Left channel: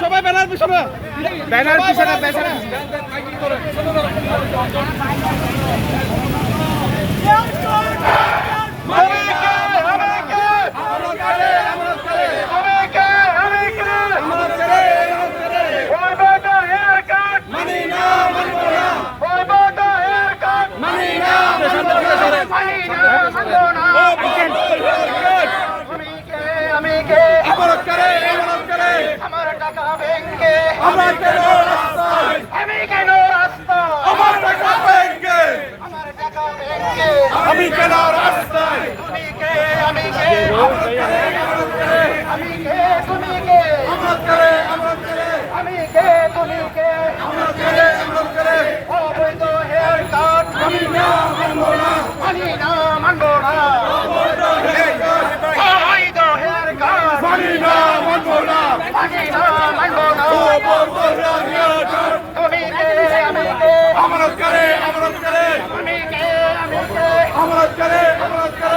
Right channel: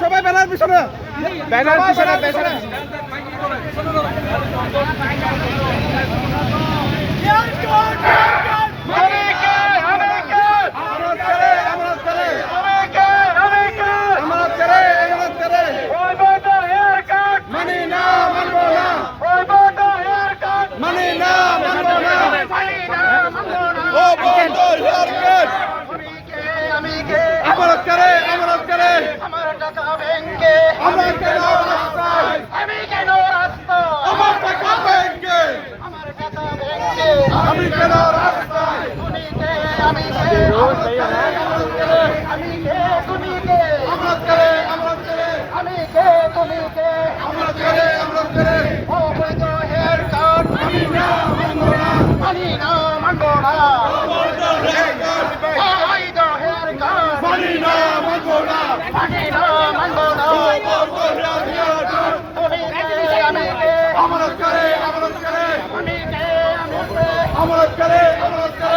সবাই ব্যানার পিছনে আমার কেন রাস্তায় আমি কেন রাস্তায় আমার টাকা ব্যাংকে আমার টাকা ব্যাংকে আমি কেন রাস্তায় আমি কে আমি কে তুমি কে আমার কে আমি কে তুমি কে আমার কে অবৈধ হেয়ার কাট আমি না মানবো না অবৈধ হেয়ার কাট মানি না মানবো না আমার করে